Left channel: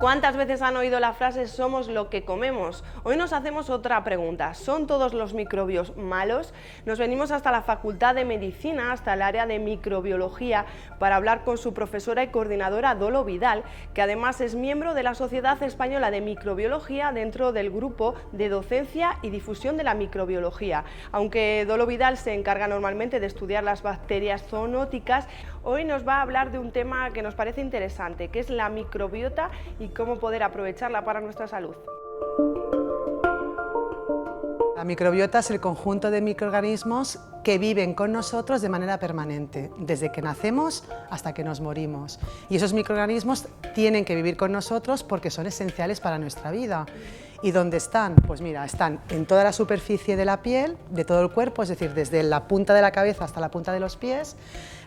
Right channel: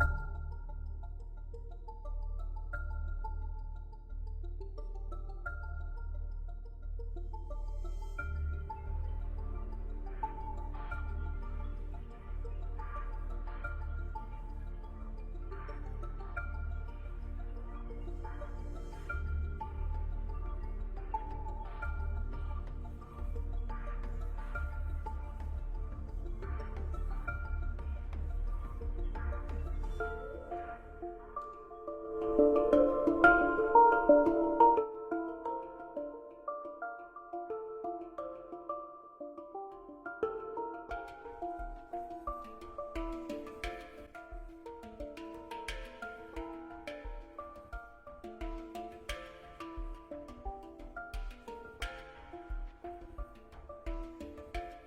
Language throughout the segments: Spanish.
¿Cuántas veces han oído la frase "somos lo que comemos"? Hoy nos hacemos otra pregunta. ¿Son todos los microbios malos? Nos venimos hasta la Facultad de Medicina, hasta el área de microbiología, para hablar con su profesora y coordinadora Dolo Vidal, que además es miembro de la Sociedad Española de Microbiología dentro del grupo de docencia y difusión de la microbiología. Aunque Dolo Vidal se encarga normalmente de estudiar las bacterias zoonóticas, hoy nos va a hablar de un tema que nos parece interesante, que es la microbiota y cómo poder aprovecharla para nuestra salud. La microbiota es el conjunto de microorganismos que viven con nosotros de manera permanente, desde que nacemos hasta que nos morimos. Y esos microorganismos tienen que vivir con nosotros porque son esenciales para nuestra vida. ¿Y dónde están? Pues mira, están en toda la superficie de la piel, de todo el cuerpo, es decir, desde la punta de la cabeza hasta la punta de los pies.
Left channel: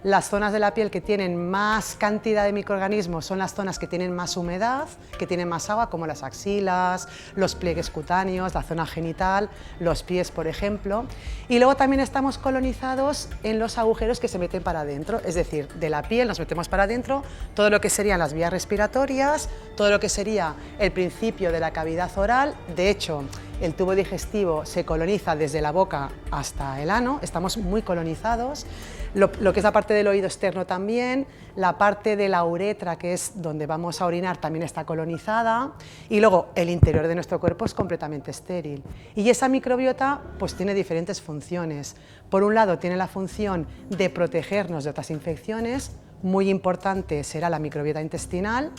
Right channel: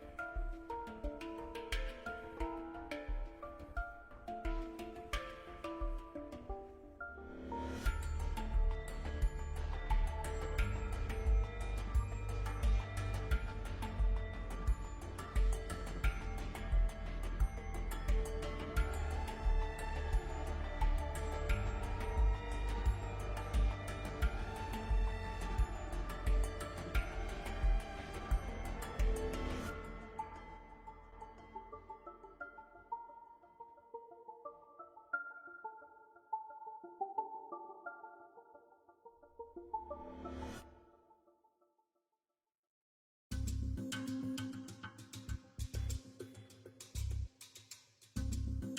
Las zonas de la piel que tienen más cantidad de microorganismos son las zonas que tienen más humedad, que tienen más agua, como las axilas, los pliegues cutáneos, la zona genital, los pies, por ejemplo. Y luego también estamos colonizados en los agujeros que se meten para adentro, es decir, de la piel nos metemos para adentro todo lo que serían las vías respiratorias, todo lo que sería el principio de la cavidad oral. De hecho, el tubo digestivo se coloniza desde la boca hasta el ano, estamos muy colonizados. Lo que es la parte del oído externo también, la parte de la uretra, que es donde vamos a orinar, también está colonizada, y luego el interior de nuestro cuerpo es completamente estéril. Y esa microbiota pues tiene diferentes funciones. Por un lado tiene la función de protegernos de otras infecciones, muy importante será la microbiota intestinal.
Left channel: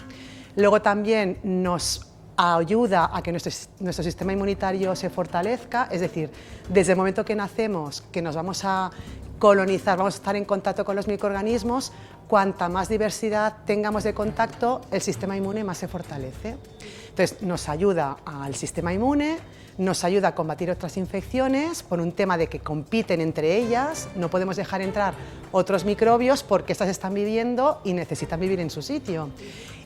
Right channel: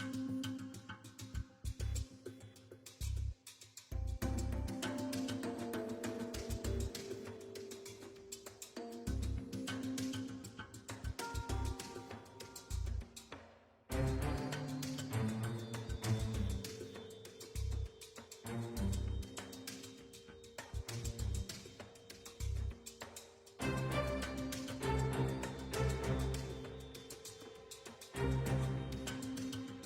Luego también nos ayuda a que nuestro sistema inmunitario se fortalezca, es decir, desde el momento que nacemos, que nos vamos a colonizar, vamos a estar en contacto con los microorganismos, cuanta más diversidad tengamos de contacto, el sistema inmune más se fortalece. Entonces nos ayuda al sistema inmune, nos ayuda a combatir otras infecciones por un tema de que compiten entre ellas, no podemos dejar entrar otros microbios porque estas están viviendo y necesitan vivir en su sitio.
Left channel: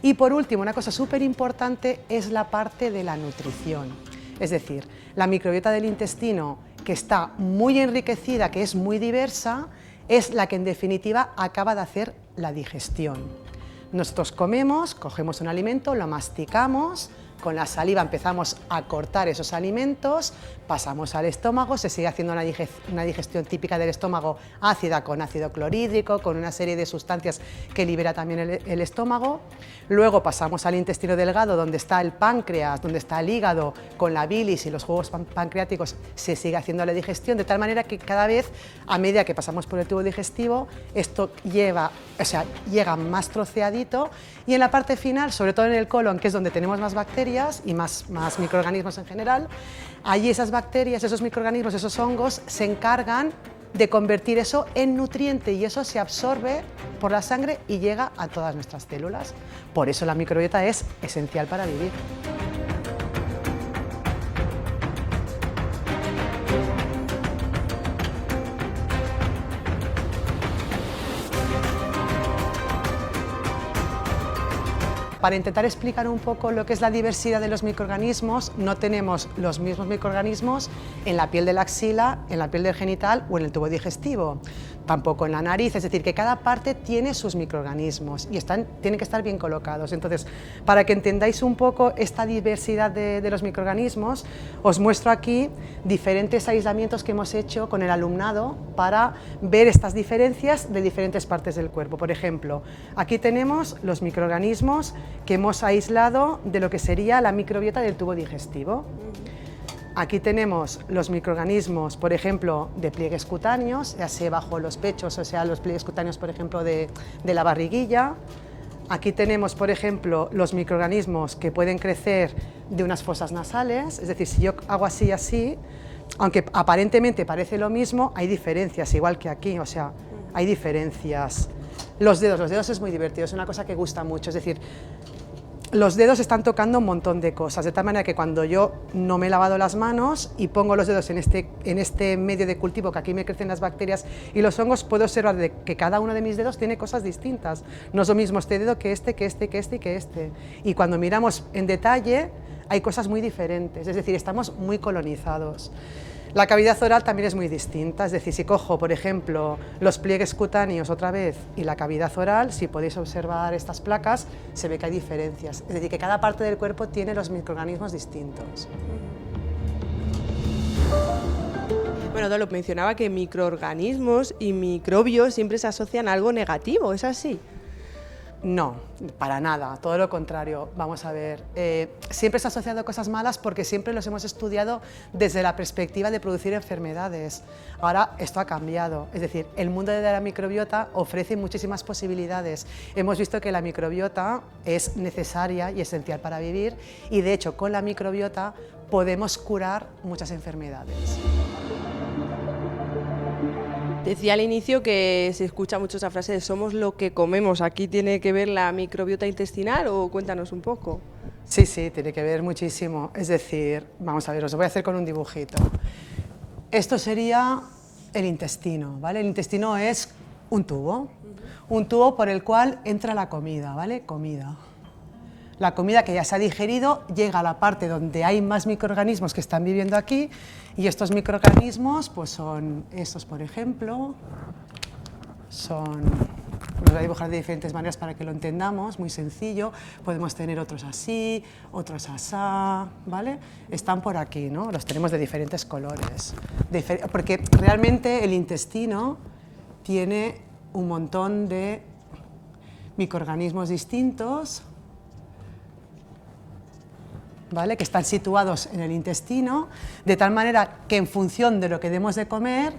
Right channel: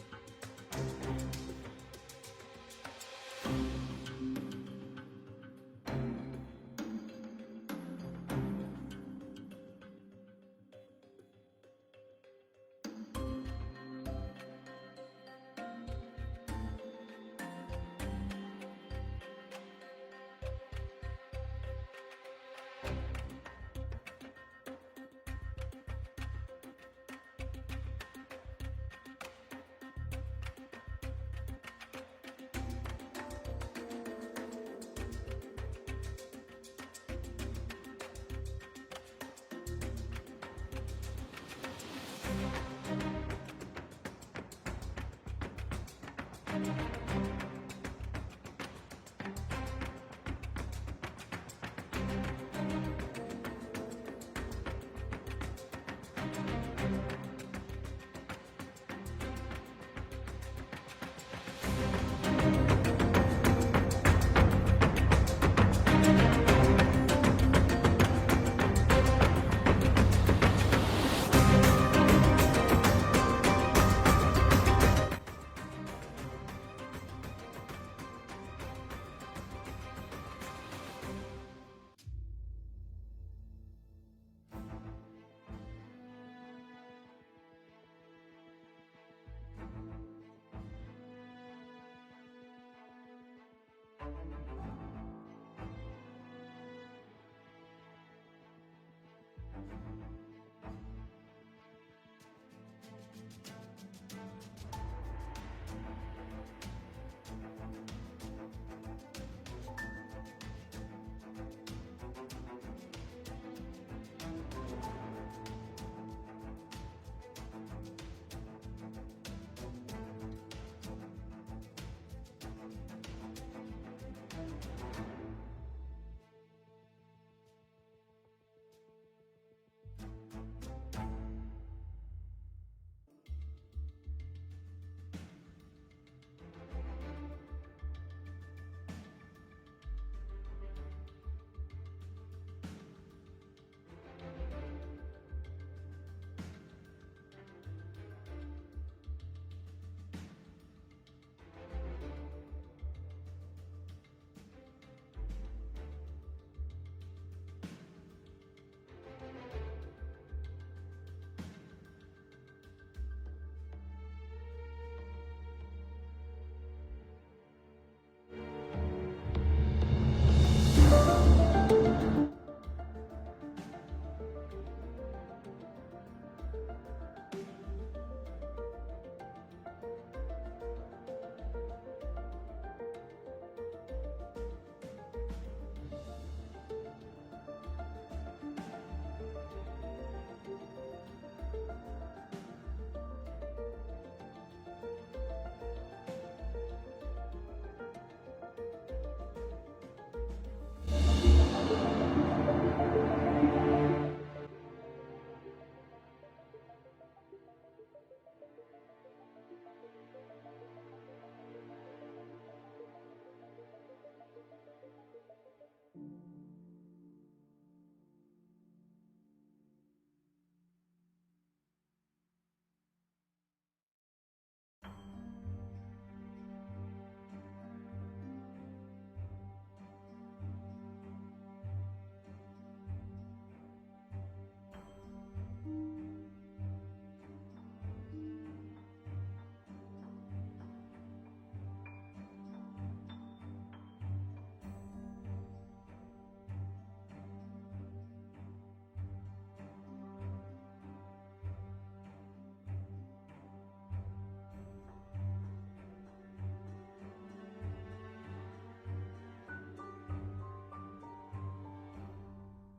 Y por último, una cosa súper importante es la parte de la nutrición, es decir, la microbiota del intestino, que está muy enriquecida, que es muy diversa, es la que en definitiva acaba de hacer la digestión. Nosotros comemos, cogemos un alimento, lo masticamos, con la saliva empezamos a cortar esos alimentos, pasamos al estómago, se sigue haciendo una digestión típica del estómago ácida con ácido clorhídrico, con una serie de sustancias que libera también el estómago. Luego pasamos al intestino delgado, donde está el páncreas, donde está el hígado, con la bilis y los jugos pancreáticos se sigue haciendo la digestión, de tal manera que cada vez, a medida que pasamos por el tubo digestivo, esto llega más troceadito, y en la parte final, sobre todo en el colon, que es donde tenemos más bacterias y más microorganismos en general, allí esas bacterias, esos microorganismos, esos hongos se encargan de convertir eso en nutriente y eso se absorbe por la sangre y llega a todas nuestras células. Por eso la microbiota es esencial para vivir. Para intentar explicar un poco lo que es la diversidad de los microorganismos, no tenemos los mismos microorganismos en la piel de la axila, en la piel del genital o en el tubo digestivo, tampoco en la nariz, es decir, que cada parte tiene sus microorganismos y tienen que estar bien colocados. Entonces, para que entendáis un poco esta diversidad de los microorganismos, os muestro aquí diferentes aislamientos que hemos hecho con el alumnado para ver estas diferencias de diferentes partes del cuerpo. Por ejemplo, aquí tenemos los microorganismos que hemos aislado de lo que sería la microbiota del tubo digestivo. Aquí tenemos los microorganismos, por ejemplo, de pliegues cutáneos, ya sea bajo los pechos, o sea, los pliegues cutáneos, por ejemplo, de la barriguilla. Aquí tenemos, por ejemplo, los microorganismos que pueden crecer de unas fosas nasales, es decir, si yo hago así y así, aunque aparentemente parece lo mismo, hay diferencias, igual que aquí, o sea, hay diferencias. Los dedos es muy divertido, es una cosa que gusta mucho, es decir, los dedos están tocando un montón de cosas, de tal manera que cuando yo no me he lavado las manos y pongo los dedos en este medio de cultivo, que aquí me crecen las bacterias y los hongos, puedo observar que cada uno de mis dedos tiene cosas distintas. No es lo mismo este dedo que este, que este, que este y que este. Y cuando miramos en detalle, hay cosas muy diferentes, es decir, estamos muy colonizados. La cavidad oral también es muy distinta, es decir, si cojo, por ejemplo, los pliegues cutáneos otra vez y la cavidad oral, si podéis observar estas placas, se ve que hay diferencias. Es decir, que cada parte del cuerpo tiene los microorganismos distintos. Bueno, Dolo mencionaba que microorganismos y microbios siempre se asocian a algo negativo, ¿es así? No, para nada, todo lo contrario. Vamos a ver, siempre se ha asociado a cosas malas porque siempre los hemos estudiado desde la perspectiva de producir enfermedades. Ahora esto ha cambiado, es decir, el mundo de la microbiota ofrece muchísimas posibilidades. Hemos visto que la microbiota es necesaria y esencial para vivir y de hecho con la microbiota podemos curar muchas enfermedades. Decía al inicio que se escucha mucho esa frase de somos lo que comemos. ¿Aquí tiene que ver la microbiota intestinal o cuéntanos un poco? Sí, sí, tiene que ver muchísimo. Es decir, vamos a ver, os lo voy a hacer con un dibujito. Esto sería el intestino, ¿vale? El intestino es un tubo por el cual entra la comida, ¿vale? Comida. La comida que ya se ha digerido llega a la parte donde hay más microorganismos que están viviendo aquí y estos microorganismos pues son estos, por ejemplo, los voy a dibujar de diferentes maneras para que lo entendamos, muy sencillo. Podemos tener otros así, otros asá, ¿vale? Están por aquí, ¿no? Los tenemos de diferentes colores, porque realmente el intestino tiene un montón de microorganismos distintos, ¿vale? Que están situados en el intestino, de tal manera que en función de lo que demos de comer,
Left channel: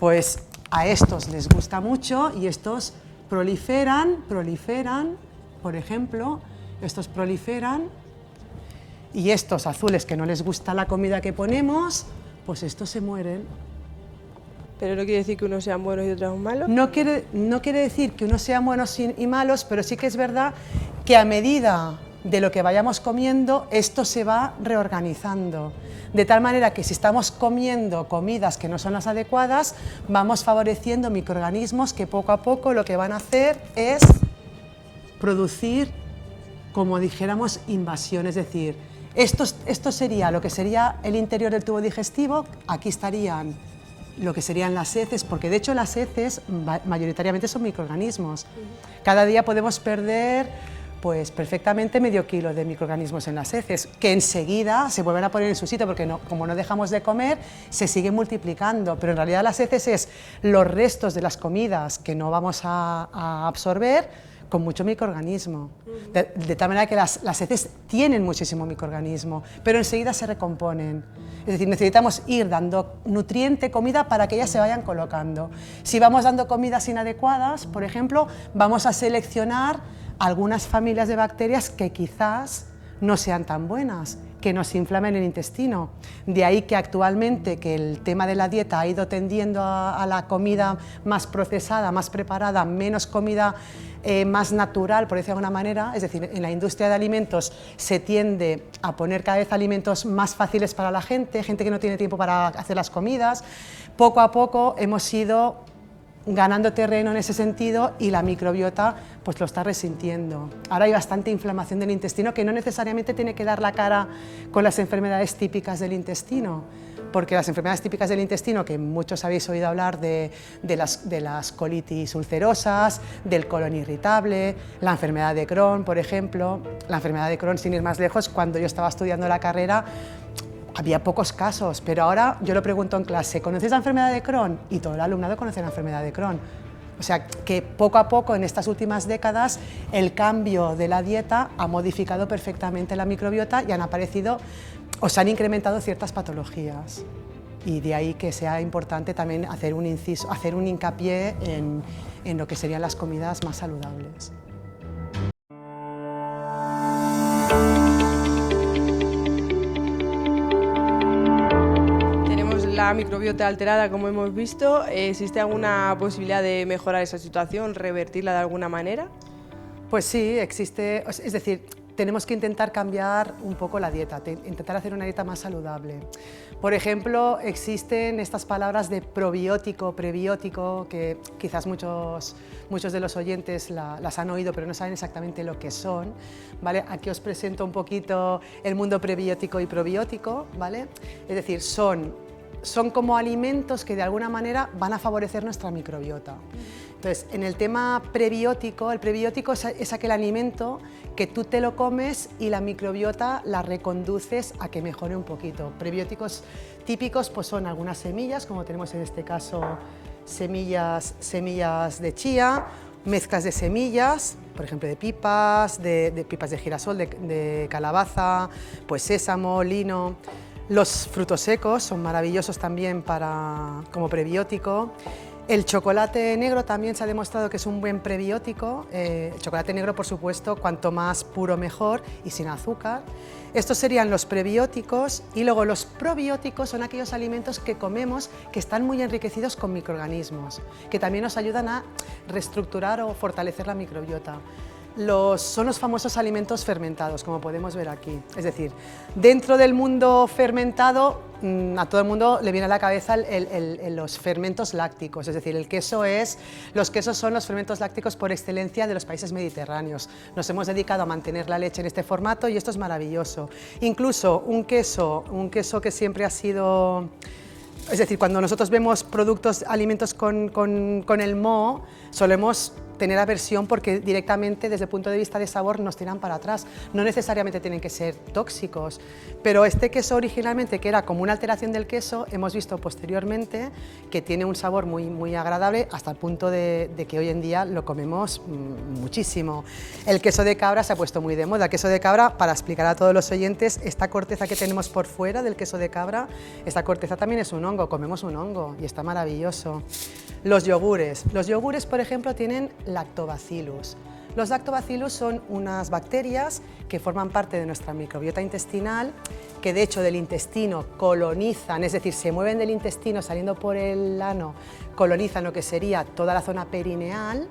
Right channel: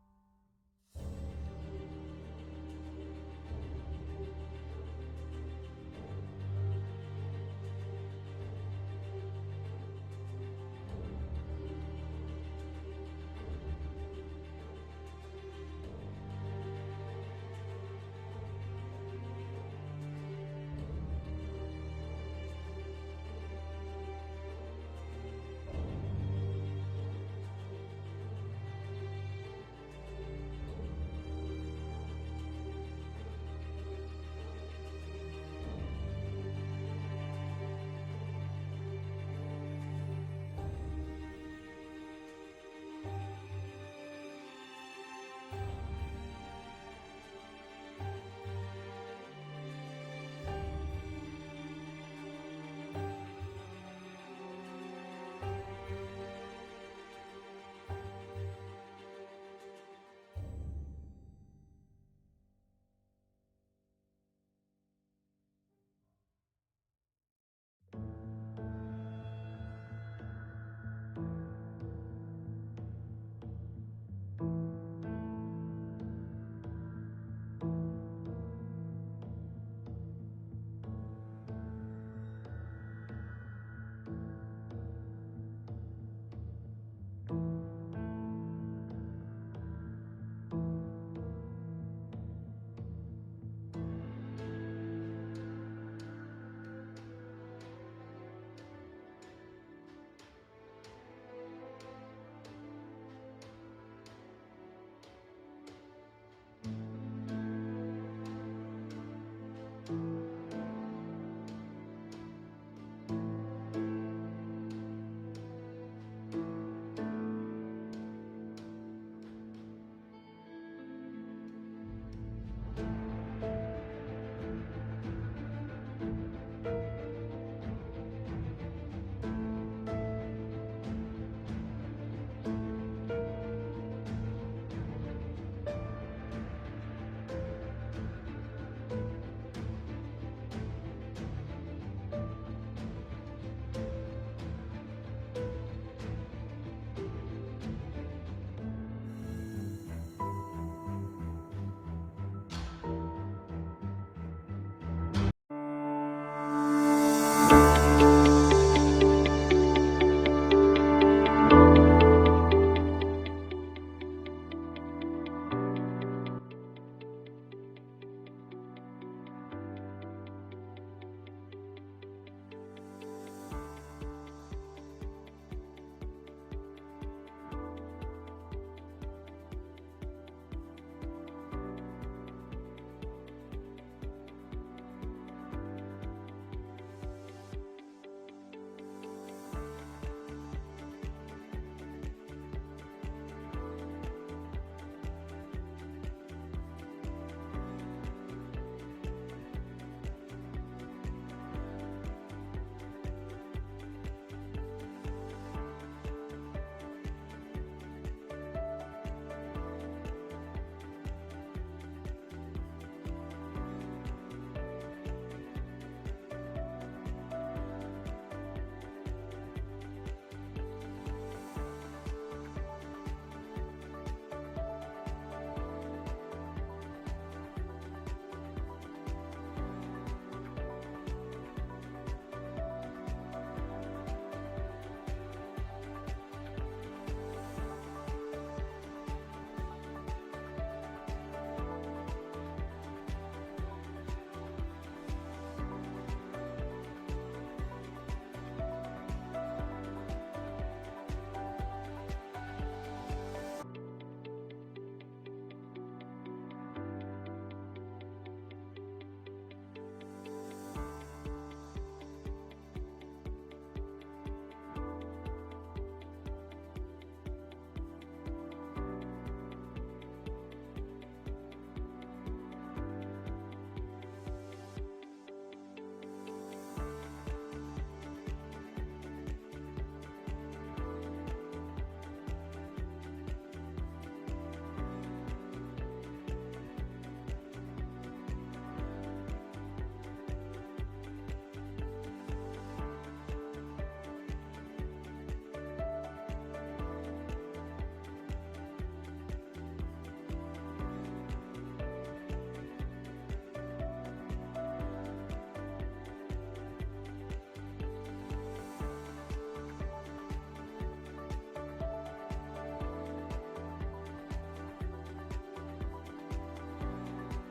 pues a estos les gusta mucho y estos proliferan, por ejemplo, estos proliferan y estos azules que no les gusta la comida que ponemos, pues estos se mueren. ¿Pero no quiere decir que unos sean buenos y otros malos? No quiere decir que unos sean buenos y malos, pero sí que es verdad que a medida de lo que vayamos comiendo, esto se va reorganizando. De tal manera que si estamos comiendo comidas que no son las adecuadas, vamos favoreciendo microorganismos que poco a poco lo que van a hacer es producir, como dijéramos, invasión. Es decir, esto sería lo que sería el interior del tubo digestivo, aquí estarían lo que serían las heces, porque de hecho las heces mayoritariamente son microorganismos. Cada día podemos perder pues perfectamente medio kilo de microorganismos en las heces, que enseguida se vuelven a poner en su sitio, porque como no dejamos de comer, se siguen multiplicando, pero en realidad las heces es los restos de las comidas que no vamos a absorber con mucho microorganismo, de tal manera que las heces tienen muchísimo microorganismo, pero enseguida se recomponen. Es decir, necesitamos ir dando nutriente, comida, para que ellas se vayan colocando. Si vamos dando comidas inadecuadas, por ejemplo, vamos a seleccionar algunas familias de bacterias que quizás no sean tan buenas, que nos inflamen el intestino. De ahí que actualmente que el tema de la dieta ha ido tendiendo a la comida más procesada, más preparada, menos comida más natural, por decirlo de alguna manera. Es decir, en la industria de alimentos se tiende a poner cada vez alimentos más fáciles para la gente que no tiene tiempo para hacer las comidas. Poco a poco hemos ido ganando terreno en ese sentido y la microbiota pues lo está resintiendo. Ahora hay bastante inflamación del intestino que no necesariamente tiene que dar la cara con las enfermedades típicas del intestino, porque las enfermedades típicas del intestino, que muchos habéis oído hablar de las colitis ulcerosas, del colon irritable, la enfermedad de Crohn, por ejemplo. La enfermedad de Crohn, sin ir más lejos, cuando yo estaba estudiando la carrera, había pocos casos, pero ahora yo lo pregunto en clase, ¿conocéis la enfermedad de Crohn? Y todo el alumnado conoce la enfermedad de Crohn. O sea, que poco a poco en estas últimas décadas el cambio de la dieta ha modificado perfectamente la microbiota y han aparecido o se han incrementado ciertas patologías. Y de ahí que sea importante también hacer un inciso, hacer un hincapié en lo que serían las comidas más saludables. La microbiota alterada, como hemos visto, ¿existe alguna posibilidad de mejorar esa situación, revertirla de alguna manera? Pues sí, existe, es decir, tenemos que intentar cambiar un poco la dieta, intentar hacer una dieta más saludable. Por ejemplo, existen estas palabras de probiótico, prebiótico, que quizás muchos de los oyentes las han oído, pero no saben exactamente lo que son, ¿vale? Aquí os presento un poquito el mundo prebiótico y probiótico, ¿vale? Es decir, son son como alimentos que de alguna manera van a favorecer nuestra microbiota. Entonces, en el tema prebiótico, el prebiótico es aquel alimento que tú te lo comes y la microbiota la reconduces a que mejore un poquito. Prebióticos típicos pues son algunas semillas, como tenemos en este caso semillas de chía, mezclas de semillas, por ejemplo de pipas, de pipas de girasol, de calabaza, pues sésamo, lino. Los frutos secos son maravillosos también como prebiótico. El chocolate negro también se ha demostrado que es un buen prebiótico. El chocolate negro, por supuesto, cuanto más puro mejor y sin azúcar. Estos serían los prebióticos, y luego los probióticos son aquellos alimentos que comemos que están muy enriquecidos con microorganismos, que también nos ayudan a reestructurar o fortalecer la microbiota. Son los famosos alimentos fermentados, como podemos ver aquí. Es decir, dentro del mundo fermentado, a todo el mundo le viene a la cabeza los fermentos lácticos, es decir, los quesos son los fermentos lácticos por excelencia de los países mediterráneos. Nos hemos dedicado a mantener la leche en este formato y esto es maravilloso. Incluso un queso que siempre ha sido... Es decir, cuando nosotros vemos alimentos con el moho, solemos tener aversión porque directamente desde el punto de vista de sabor nos tiran para atrás. No necesariamente tienen que ser tóxicos, pero este queso originalmente, que era como una alteración del queso, hemos visto posteriormente que tiene un sabor muy, muy agradable, hasta el punto de que hoy en día lo comemos muchísimo. El queso de cabra se ha puesto muy de moda. El queso de cabra, para explicar a todos los oyentes, esta corteza que tenemos por fuera del queso de cabra, esta corteza también es un hongo, comemos un hongo y está maravilloso. Los yogures, por ejemplo, tienen lactobacillus. Los lactobacillus son unas bacterias que forman parte de nuestra microbiota intestinal, que de hecho del intestino colonizan, es decir, se mueven del intestino saliendo por el ano, colonizan lo que sería toda la zona perineal.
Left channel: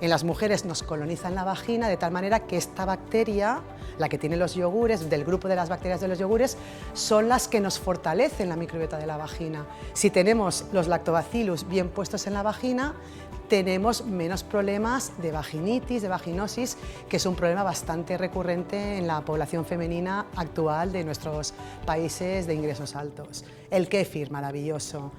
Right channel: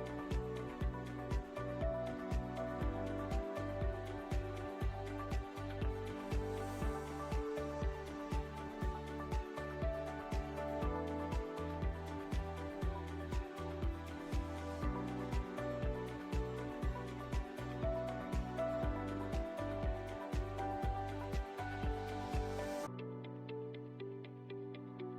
En las mujeres nos colonizan la vagina, de tal manera que esta bacteria, la que tiene los yogures, del grupo de las bacterias de los yogures, son las que nos fortalecen la microbiota de la vagina. Si tenemos los lactobacillus bien puestos en la vagina, tenemos menos problemas de vaginitis, de vaginosis, que es un problema bastante recurrente en la población femenina actual de nuestros países de ingresos altos. El kéfir, maravilloso.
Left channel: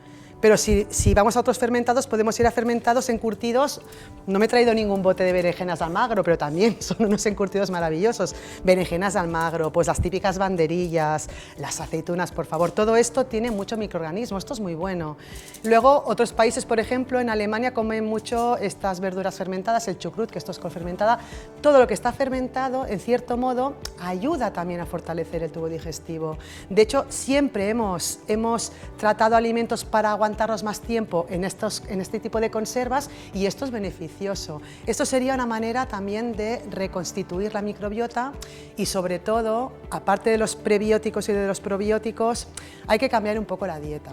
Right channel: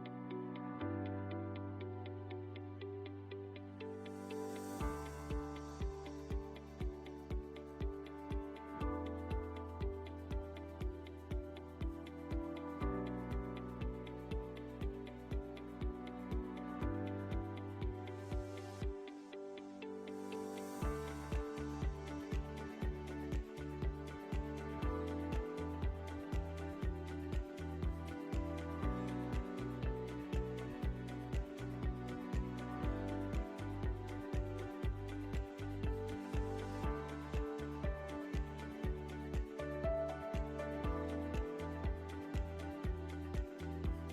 Pero si vamos a otros fermentados, podemos ir a fermentados encurtidos. No me he traído ningún bote de berenjenas de Almagro, pero también son unos encurtidos maravillosos. Berenjenas de Almagro, pues las típicas banderillas, las aceitunas, por favor. Todo esto tiene mucho microorganismo, esto es muy bueno. Luego, otros países, por ejemplo, en Alemania comen mucho estas verduras fermentadas, el chucrut, que esto es fermentada. Todo lo que está fermentado, en cierto modo, ayuda también a fortalecer el tubo digestivo. De hecho, siempre hemos tratado alimentos para aguantarlos más tiempo en este tipo de conservas, y esto es beneficioso. Esto sería una manera también de reconstituir la microbiota, y sobre todo, aparte de los prebióticos y de los probióticos, hay que cambiar un poco la dieta.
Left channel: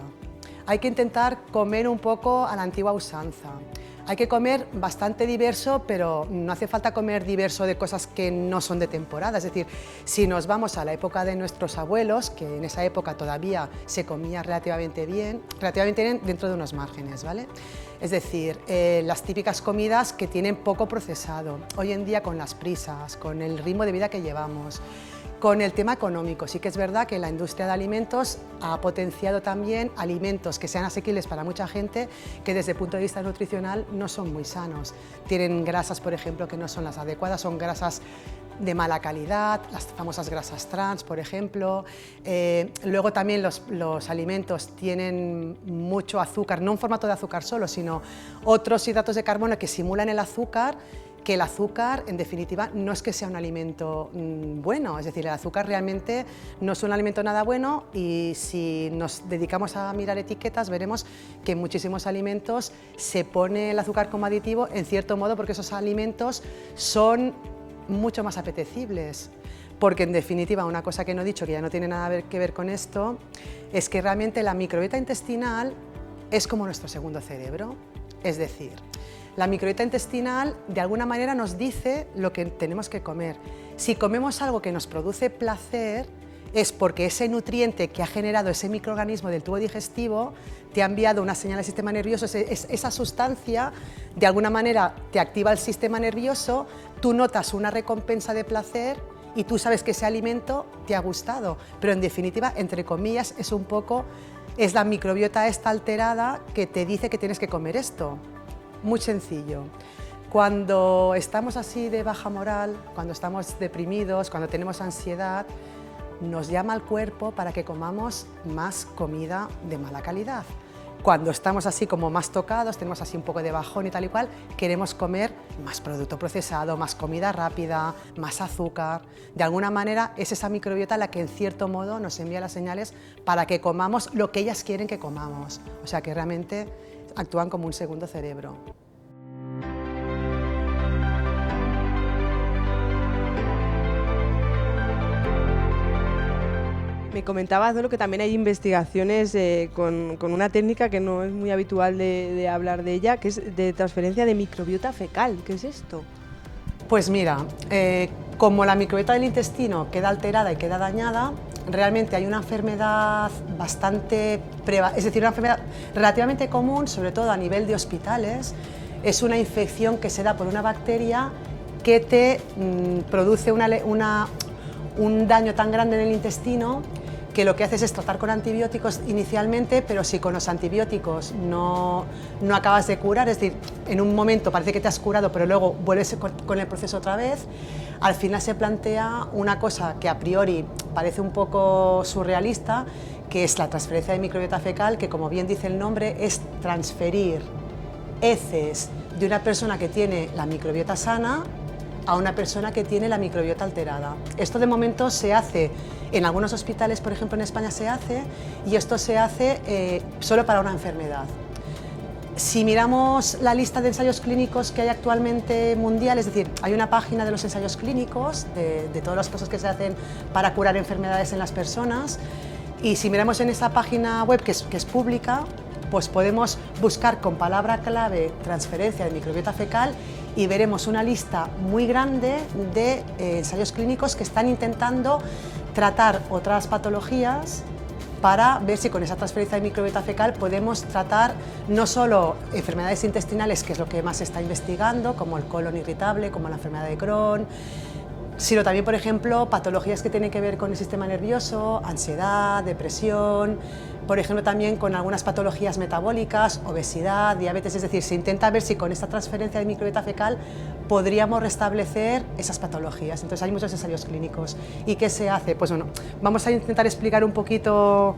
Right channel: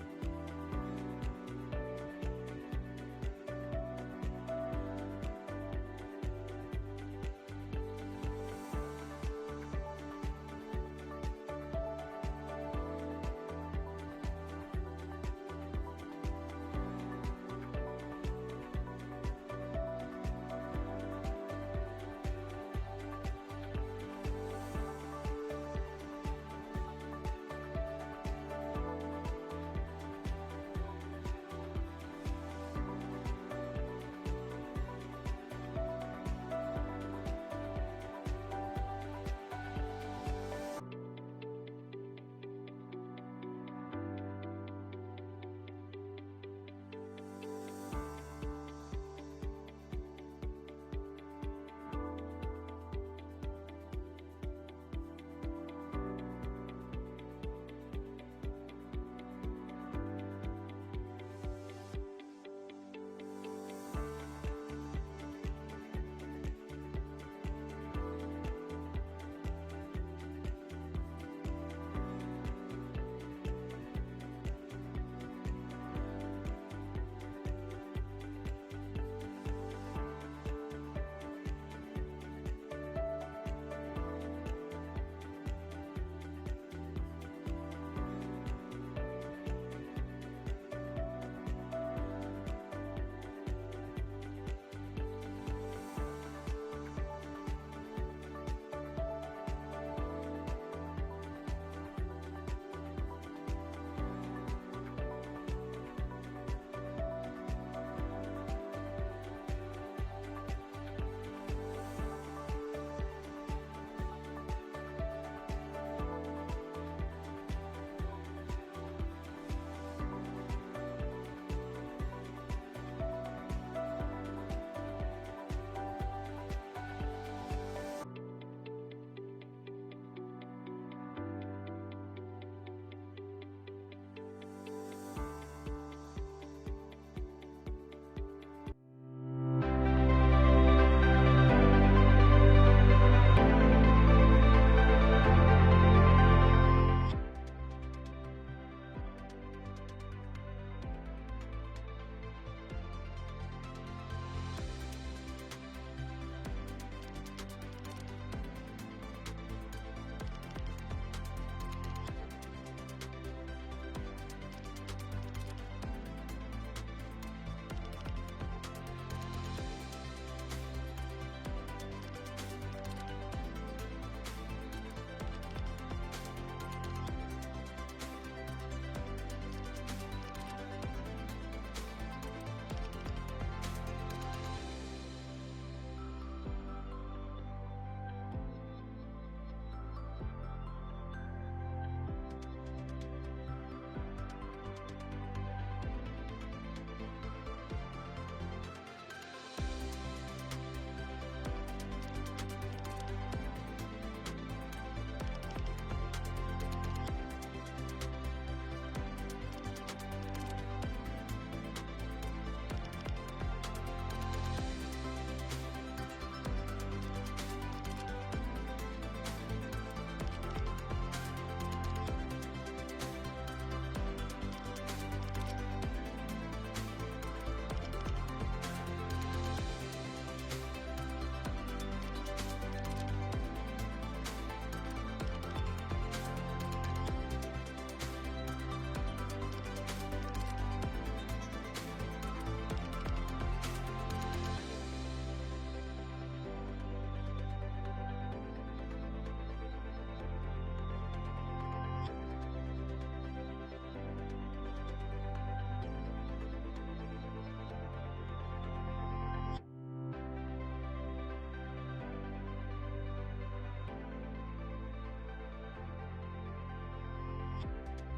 Hay que intentar comer un poco a la antigua usanza. Hay que comer bastante diverso, pero no hace falta comer diverso de cosas que no son de temporada. Es decir, si nos vamos a la época de nuestros abuelos, que en esa época todavía se comía relativamente bien dentro de unos márgenes, ¿vale? Es decir, las típicas comidas que tienen poco procesado. Hoy en día, con las prisas, con el ritmo de vida que llevamos, con el tema económico, sí que es verdad que la industria de alimentos ha potenciado también alimentos que sean asequibles para mucha gente, que desde el punto de vista nutricional no son muy sanos. Tienen grasas, por ejemplo, que no son las adecuadas, son grasas de mala calidad, las famosas grasas trans, por ejemplo. Luego también los alimentos tienen mucho azúcar, no en formato de azúcar solo, sino otros hidratos de carbono que simulan el azúcar, que el azúcar, en definitiva, no es que sea un alimento bueno. Es decir, el azúcar realmente no es un alimento nada bueno, y si nos dedicamos a mirar etiquetas veremos que en muchísimos alimentos se pone el azúcar como aditivo, en cierto modo, porque esos alimentos son mucho más apetecibles. Porque en definitiva, una cosa que no he dicho, que ya no tiene nada que ver con esto, es que realmente la microbiota intestinal es como nuestro segundo cerebro. Es decir, la microbiota intestinal de alguna manera nos dice lo que tenemos que comer. Si comemos algo que nos produce placer, es porque ese nutriente que ha generado ese microorganismo del tubo digestivo te ha enviado una señal al sistema nervioso. Esa sustancia de alguna manera te activa el sistema nervioso, tú notas una recompensa de placer y tú sabes que ese alimento te ha gustado, pero en definitiva, entre comillas, es un poco Es la microbiota esta alterada que te dice que tienes que comer esto. Muy sencillo. Cuando estamos así de baja moral, cuando estamos deprimidos, cuando tenemos ansiedad, nos llama el cuerpo para que comamos más comida de mala calidad. Cuando estamos así como más tocados, tenemos así un poco de bajón y tal y cual, queremos comer más producto procesado, más comida rápida, más azúcar. De alguna manera es esa microbiota la que en cierto modo nos envía las señales para que comamos lo que ellas quieren que comamos. O sea que realmente actúan como un segundo cerebro. Me comentabas, ¿no?, que también hay investigaciones con una técnica que no es muy habitual de hablar de ella, que es de transferencia de microbiota fecal. ¿Qué es esto? Pues mira, como la microbiota del intestino queda alterada y queda dañada, realmente hay una enfermedad es decir, una enfermedad relativamente común, sobre todo a nivel de hospitales. Es una infección que se da por una bacteria que te produce un daño tan grande en el intestino que lo que haces es tratar con antibióticos inicialmente, pero si con los antibióticos no acabas de curar, es decir, en un momento parece que te has curado, pero luego vuelves con el proceso otra vez, al final se plantea una cosa que a priori parece un poco surrealista, que es la transferencia de microbiota fecal, que como bien dice el nombre, es transferir heces de una persona que tiene la microbiota sana a una persona que tiene la microbiota alterada. Esto de momento se hace en algunos hospitales, por ejemplo en España se hace, y esto se hace solo para una enfermedad. Si miramos la lista de ensayos clínicos que hay actualmente mundial, es decir, hay una página de los ensayos clínicos, de todas las cosas que se hacen para curar enfermedades en las personas, y si miramos en esa página web que es pública, pues podemos buscar con palabra clave transferencia de microbiota fecal y veremos una lista muy grande de ensayos clínicos que están intentando tratar otras patologías para ver si con esa transferencia de microbiota fecal podemos tratar no solo enfermedades intestinales, que es lo que más se está investigando, como el colon irritable, como la enfermedad de Crohn, sino también, por ejemplo, patologías que tienen que ver con el sistema nervioso, ansiedad, depresión, por ejemplo, también con algunas patologías metabólicas, obesidad, diabetes, es decir, se intenta ver si con esta transferencia de microbiota fecal podríamos restablecer esas patologías. Entonces hay muchos ensayos clínicos. ¿Y qué se hace? Pues bueno, vamos a intentar explicar un poquito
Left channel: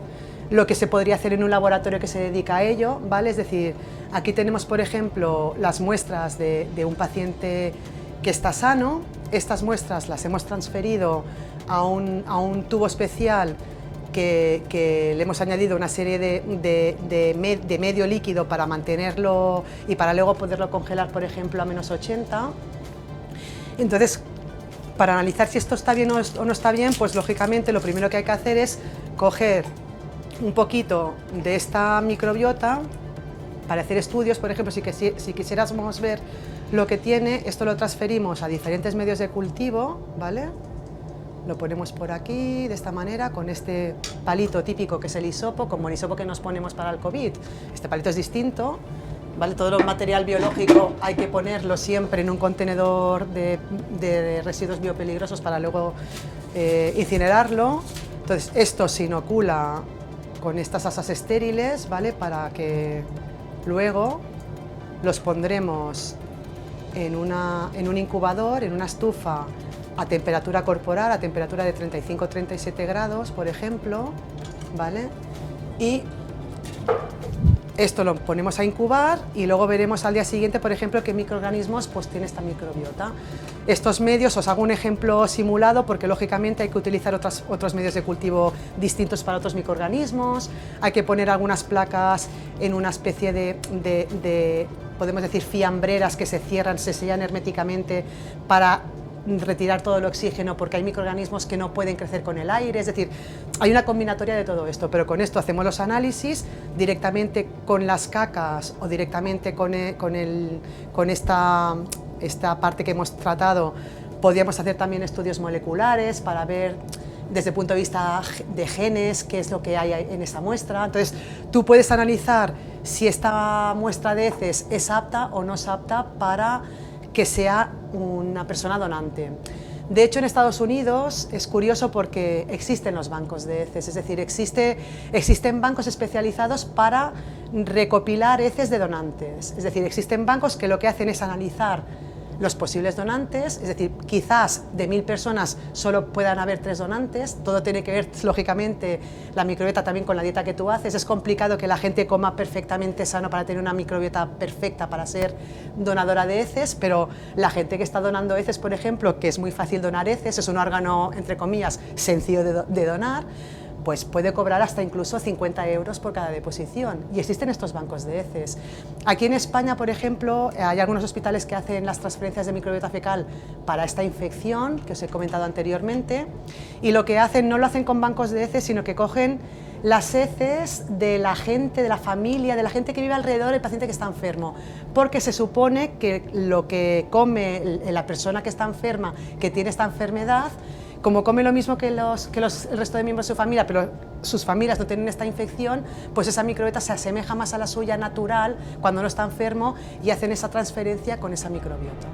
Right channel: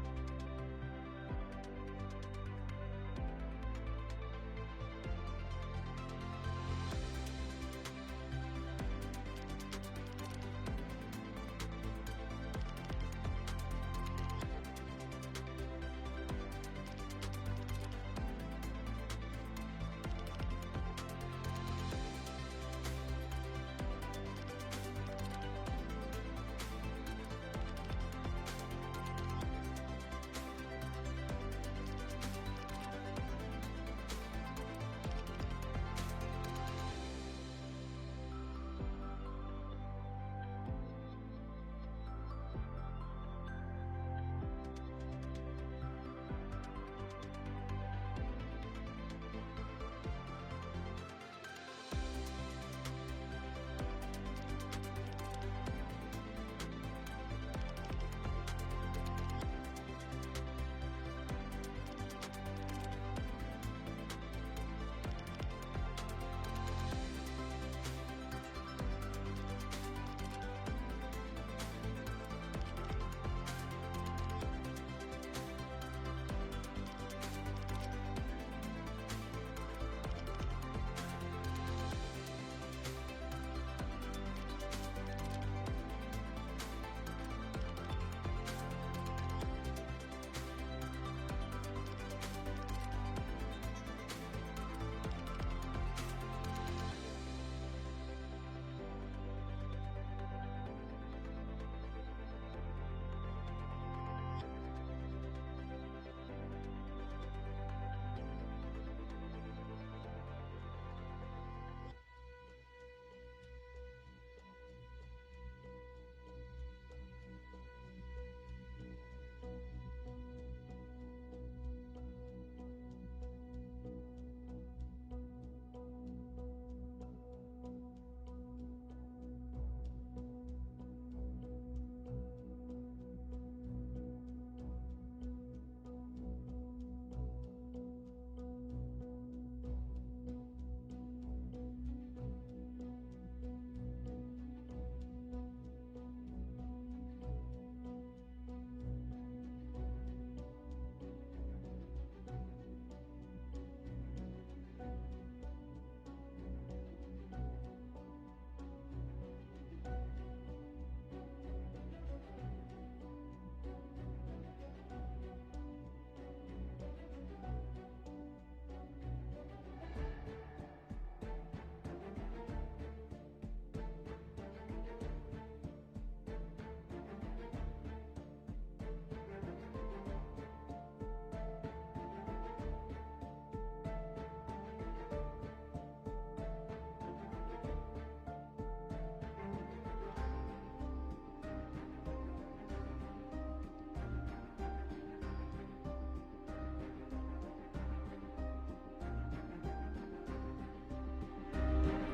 lo que se podría hacer en un laboratorio que se dedica a ello, ¿vale? Es decir, aquí tenemos, por ejemplo, las muestras de un paciente que está sano. Estas muestras las hemos transferido a un tubo especial que le hemos añadido una serie de medio líquido para mantenerlo y para luego poderlo congelar, por ejemplo, a -80. Entonces, para analizar si esto está bien o no está bien, pues lógicamente lo primero que hay que hacer es coger un poquito de esta microbiota para hacer estudios. Por ejemplo, si quisiéramos ver lo que tiene, esto lo transferimos a diferentes medios de cultivo, ¿vale? Lo ponemos por aquí, de esta manera, con este palito típico que es el hisopo, como el hisopo que nos ponemos para el COVID. Este palito es distinto, ¿vale? Todo el material biológico hay que ponerlo siempre en un contenedor de residuos biopeligrosos para luego incinerarlo. Entonces, esto se inocula con estas asas estériles, ¿vale? Para que luego los pondremos en un incubador, en una estufa a temperatura corporal, a temperatura de 35-37 grados, por ejemplo, ¿vale? Y esto lo ponemos a incubar y luego veremos al día siguiente, por ejemplo, qué microorganismos pues tiene esta microbiota. Estos medios, os hago un ejemplo simulado porque lógicamente hay que utilizar otros medios de cultivo distintos para otros microorganismos, hay que poner algunas placas en una especie de podemos decir, fiambreras que se cierran, se sellan herméticamente para retirar todo el oxígeno, porque hay microorganismos que no pueden crecer con el aire, es decir, hay una combinatoria de todo esto, pero con esto hacemos los análisis directamente con las cacas o directamente con esta parte que hemos tratado. Podríamos hacer también estudios moleculares para ver desde el punto de vista de genes qué es lo que hay en esta muestra. Entonces, tú puedes analizar si esta muestra de heces es apta o no es apta para que sea una persona donante. De hecho, en Estados Unidos es curioso porque existen los bancos de heces, es decir, existen bancos especializados para recopilar heces de donantes. Es decir, existen bancos que lo que hacen es analizar los posibles donantes, es decir, quizás de 1000 personas solo puedan haber 3 donantes, todo tiene que ver, lógicamente, la microbiota también con la dieta que tú haces. Es complicado que la gente coma perfectamente sano para tener una microbiota perfecta para ser donadora de heces, pero la gente que está donando heces, por ejemplo, que es muy fácil donar heces, es un órgano, entre comillas, sencillo de donar, pues puede cobrar hasta incluso 50 euros por cada deposición, y existen estos bancos de heces. Aquí en España, por ejemplo, hay algunos hospitales que hacen las transferencias de microbiota fecal para esta infección que os he comentado anteriormente, y lo que hacen, no lo hacen con bancos de heces, sino que cogen las heces de la gente, de la familia, de la gente que vive alrededor del paciente que está enfermo, porque se supone que lo que come la persona que está enferma, que tiene esta enfermedad, como come lo mismo que el resto de miembros de su familia, pero sus familias no tienen esta infección, pues esa microbiota se asemeja más a la suya natural cuando no está enfermo, y hacen esa transferencia con esa microbiota.